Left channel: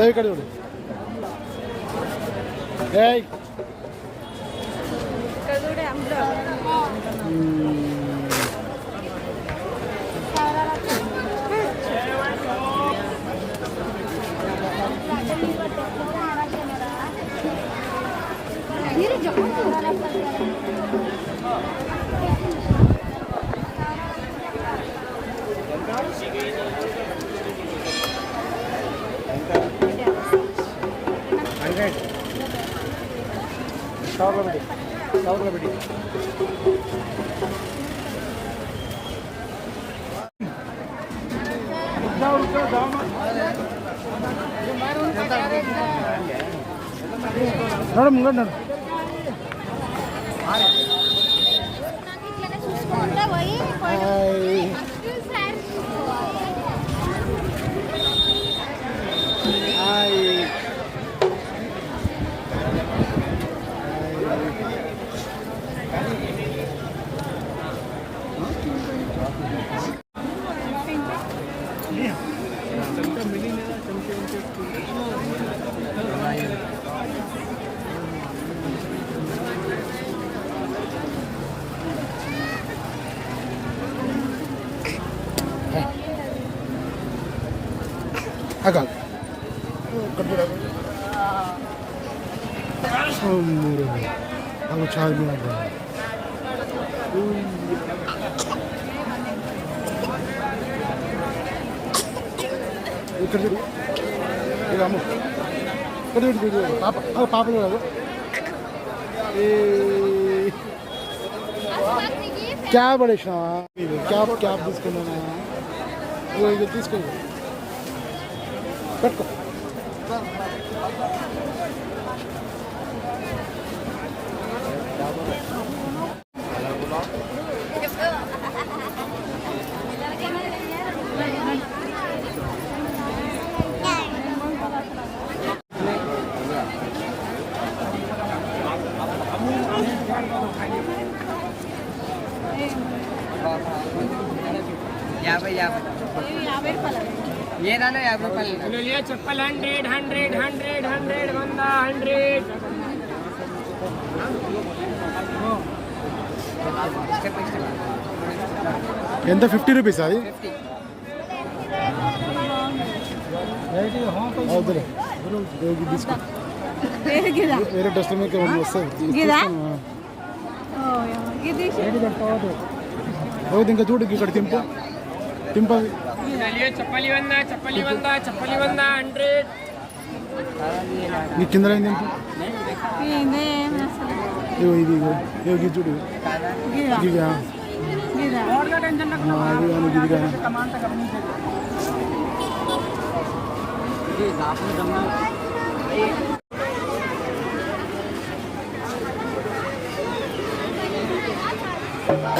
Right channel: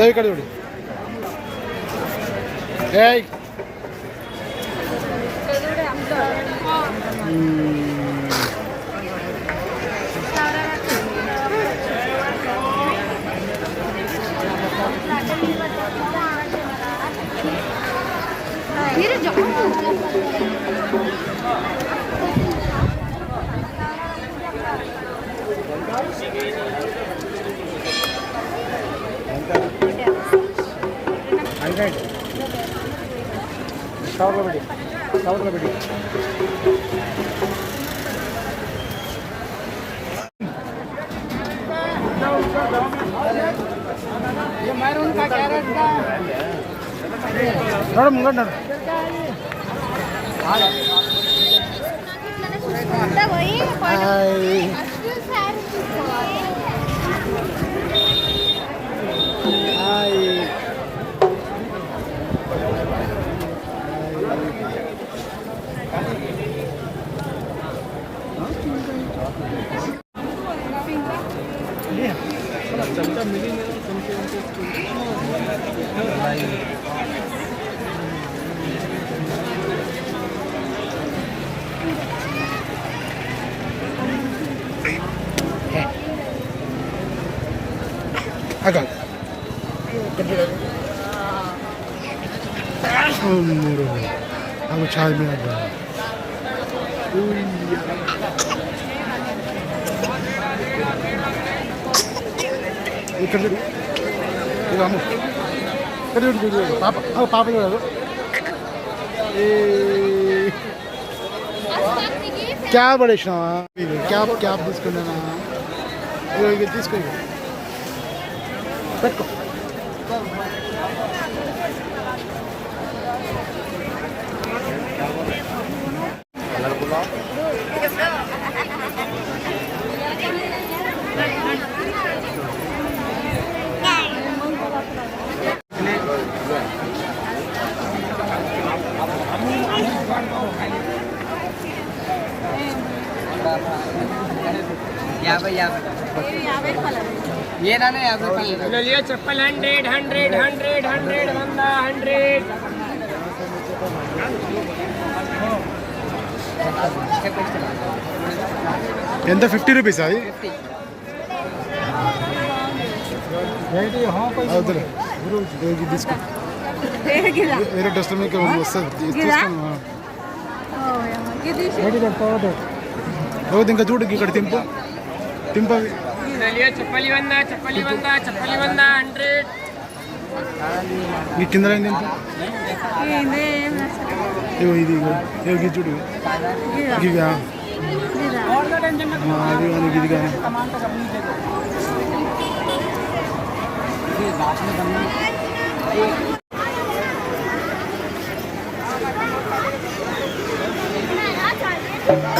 ദേവിക്കടി വിടും ഏയ് Thank you. சவரபடி சவரபடி ನೋಡ ಮುಂಗಡ ನೋಡ అవి చాయ్ మీద ఇక్కడ చూడు ఇక అమ్ము ఇక్కడ చూడు చూడు. పాప ఆ, పాప చూడదు క్యాబ్ పడేసినావా క్యాబ్ క్యాబ్ తీసుకున్నానా? ఇగో ఇక తీసుకో పెట్టుకో. ఏదైనా యాభై రూపాయలు लिया चप्पल हंड्रेड हंड्रेड हंड्रेड हंड्रेड बंदा हंड्रेड ఎంత ఫిఫ్టీ రూపీస్ అది ఫిఫ్టీ వద్దులే ఇది తీసుకో వేరే టెస్ట్ మీకు వస్తుంది తీసుకోను ఏవద్దు ఇంకా చూడు ఇక్కడ తింపు टिम्पल चलिए चप्पली बंदा चप्पली बंदा चप्पली बंदा हंड्रेड ये किंदर है टिम्पल ये वही दी गो ये की जुड़ी की गया और का टेंशन ना हाँ ये वाली की गया सामान तो अपनी से ये बात में बनना भाई Thank you.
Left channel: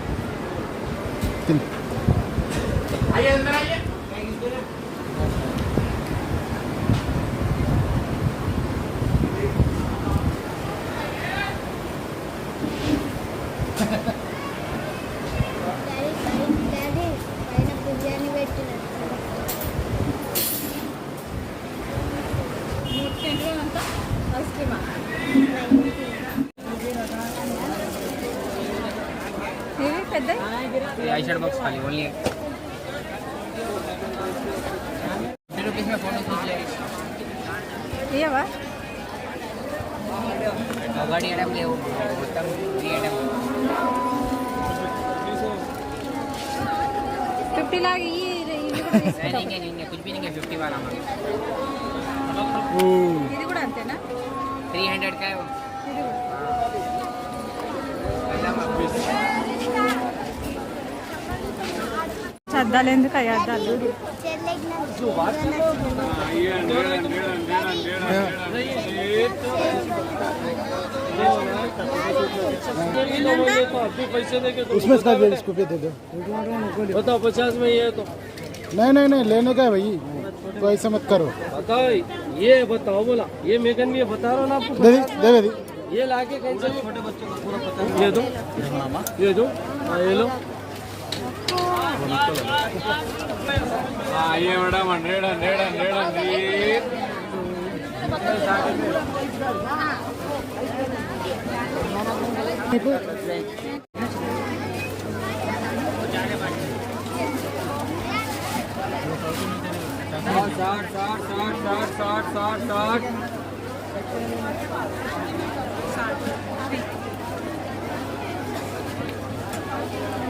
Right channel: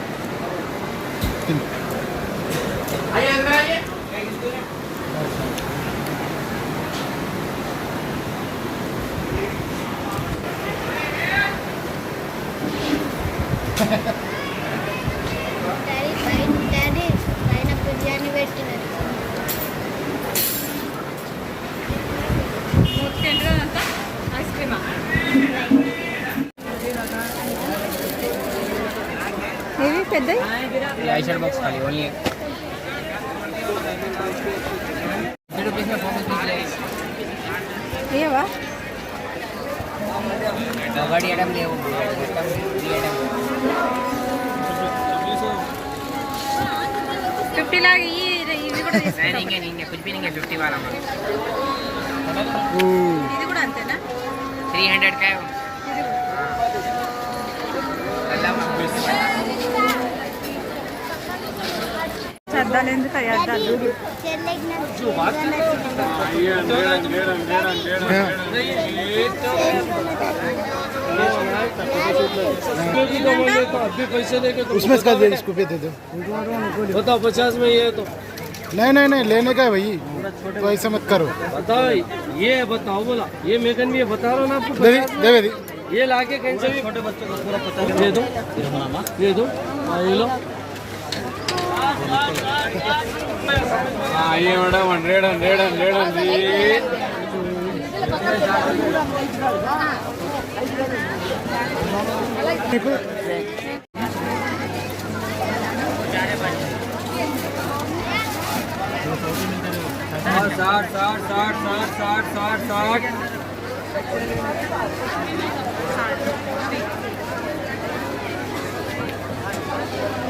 డాడీ పైన బిర్యానీ పెట్టినారు ఏవి పెద్ద ఐషర్ బాక్స్ खाली ओनली ఏవా వడియడం లేవు మొత్తం తీయడం ఫిఫ్టీ లాగా ఇవి కూడా తీసుకుంటాం కుజ్బీ ఇంకా ఫిఫ్టీ వాళ్ళమ్మా ఇది కూడా అంతేనా త్రీ హండ్రెడ్ కాయ ಆನಂದ उसमें इसका दे इसको पे दे दो। बताओ पचास में ये तो नहीं नहीं नहीं लेने का है भाई। तो ऐसा मत करो। बताओ ये बताओ बोला। ये मेकन भी बता रहा ना आपको। दे दे ये लाके कैंसिल छोटे बच्चों का दे दो ये दो हाँ, ये लो। అయ్యే హండ్రెడ్ హండ్రెడ్ హండ్రెడ్ అండి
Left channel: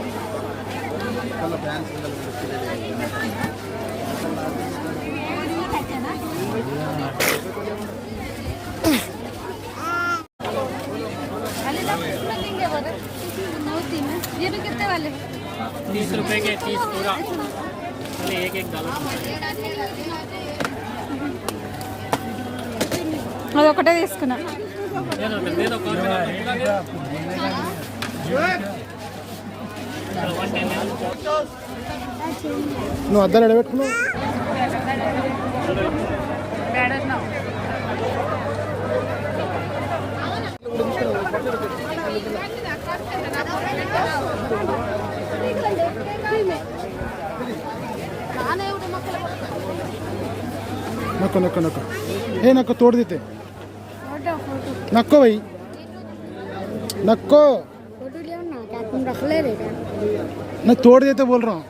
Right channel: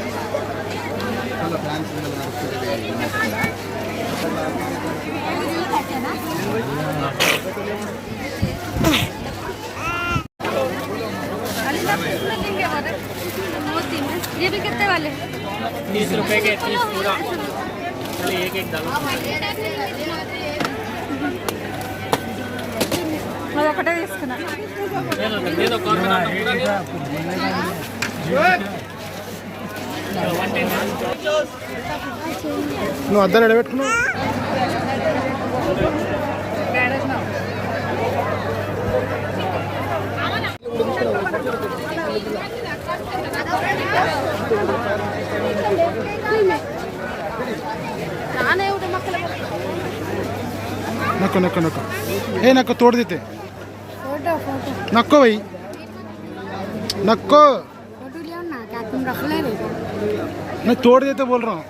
Thank you. ये भी कितने वाले तीस रुपए के तीस पूरा चलिए एक एक डालो అది ఒకటే తీసుకున్నా दे दो दे दो कौन बना पूरा दे నువ్వు అద్దాలు ఎడబెట్టుకున్నావు? నక్కు నక్క నక్కు. ఏ నక్కు తోడుదితే నక్కు పోయి నక్కు. मैं तोड़ देते बोल रहा हूँ।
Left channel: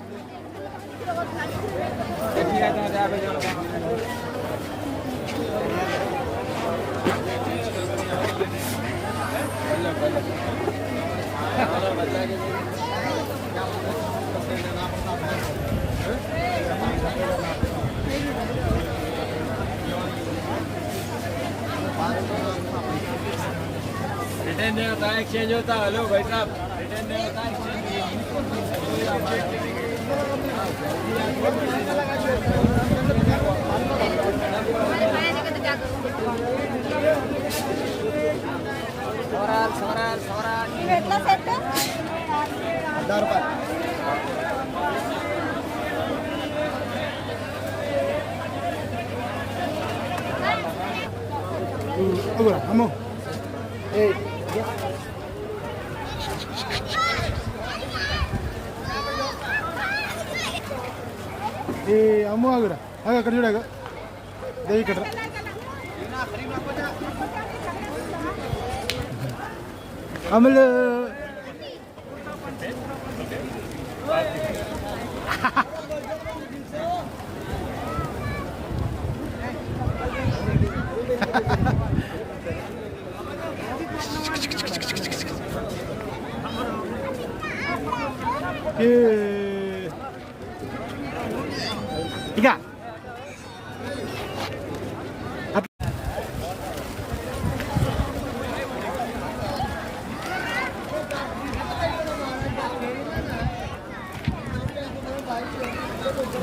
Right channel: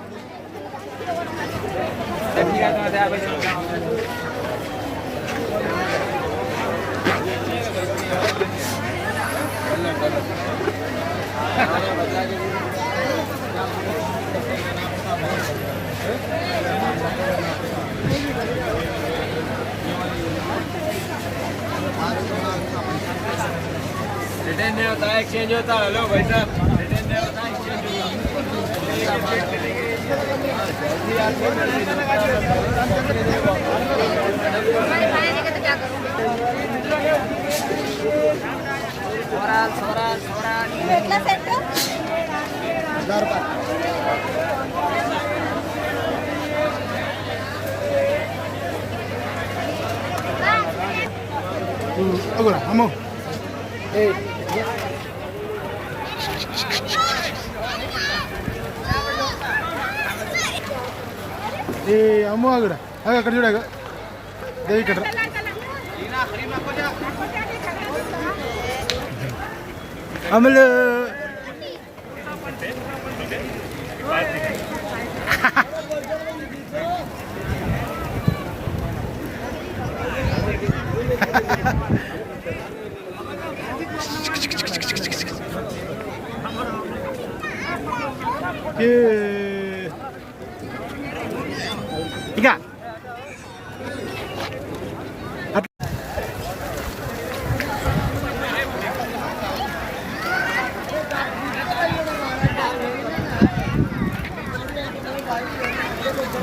रिटर्न नहीं होता एक्सचेंज होता। हेलो भाई साहब। ఎట్లా సెట్ అగోరా అమ్మో ఏ అమ్మో ఆగురా. ఆగు అక్కడ చూడ దేవి ఇక్కడ. అమలు. ఏ.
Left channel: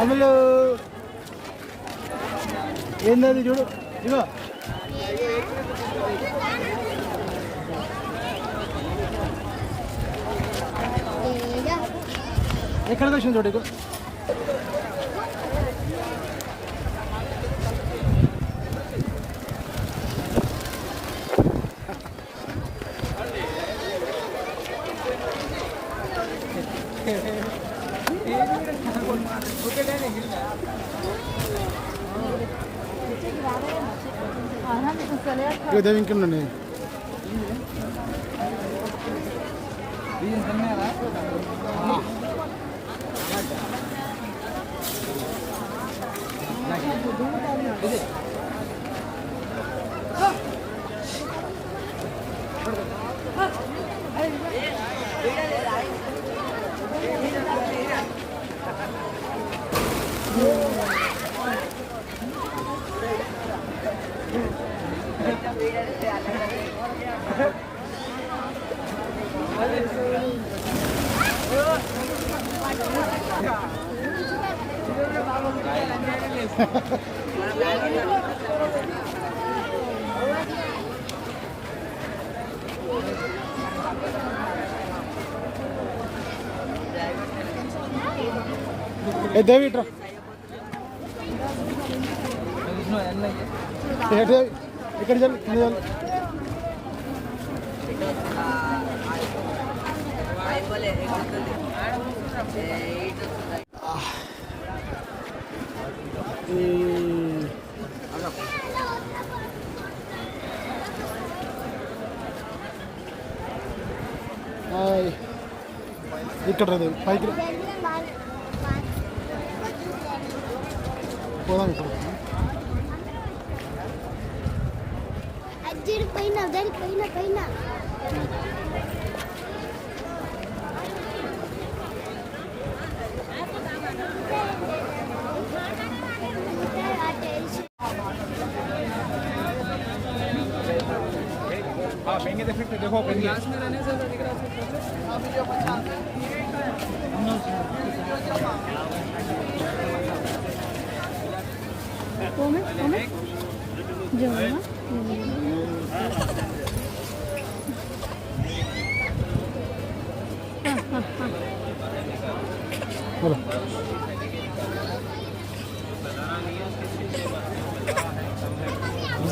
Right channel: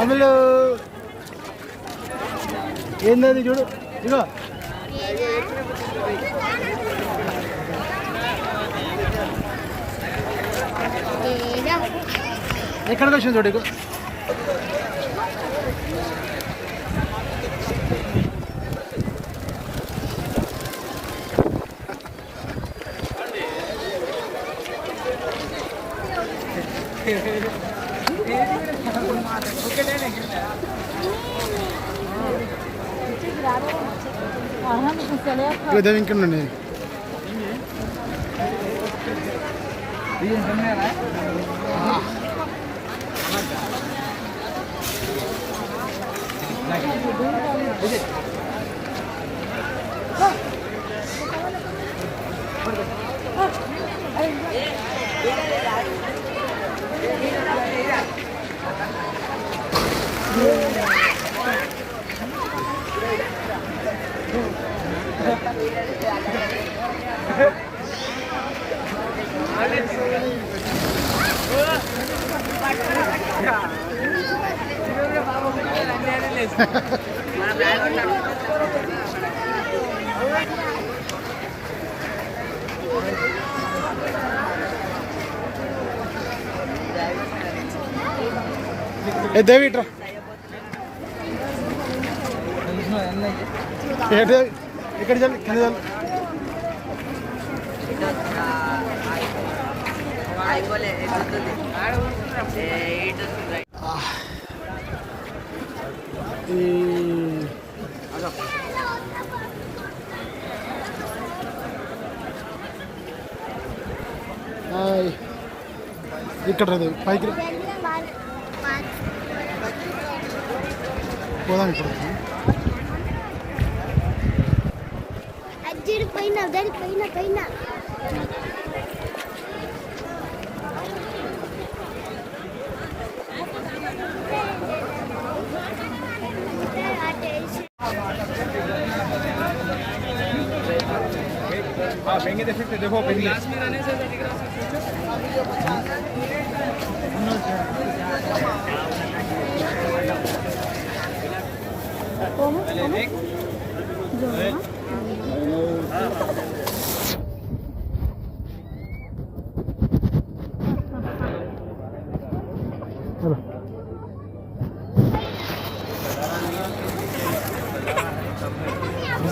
అమలు. ఏంటది చూడు ఇగో ఎక్కడికి వచ్చింది చూడు ఇగో இருபது விற்கணும்ண்ணே ఏ దేవి ఇట్రా. ఇక్కడ చల్ కింద చల్. ఇక్కడ రా పైకి పోదాం ఇప్పుడు పైన పైన పైన हाँ पेंगे देख सकते देखो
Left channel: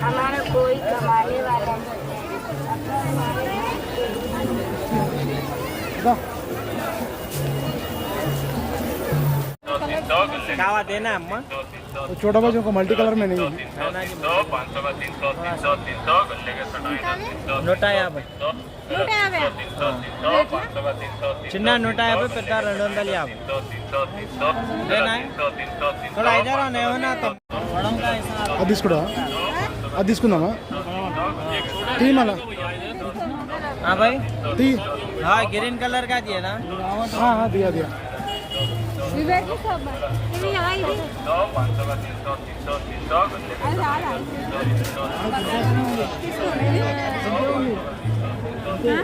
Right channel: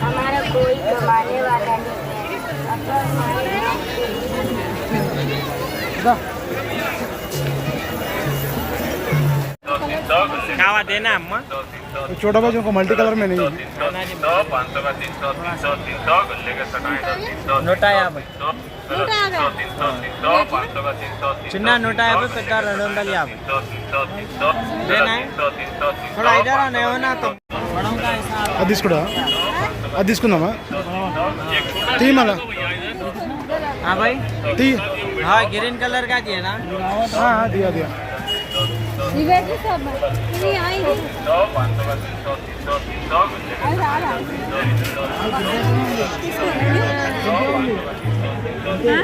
हमारा कोई कमाने वाला नहीं దా. कावा देना अम्मा छोटा भाई को मल्टी कलर में नहीं है నూట యాభై నూట యాభై చిన్న నూట యాభై పెద్ద రెండు వందల యాభై లేనా थोड़ा इधर आना है ना तो बड़ों का हिसाब అది తీసుకురా అది తీసుకుందామా తీ మళ్ళా हाँ भाई తీ हाँ ग्रीन कलर का दिए ना ఆ, विवेक सब ये आई थी अरे आ रहा है। हाँ?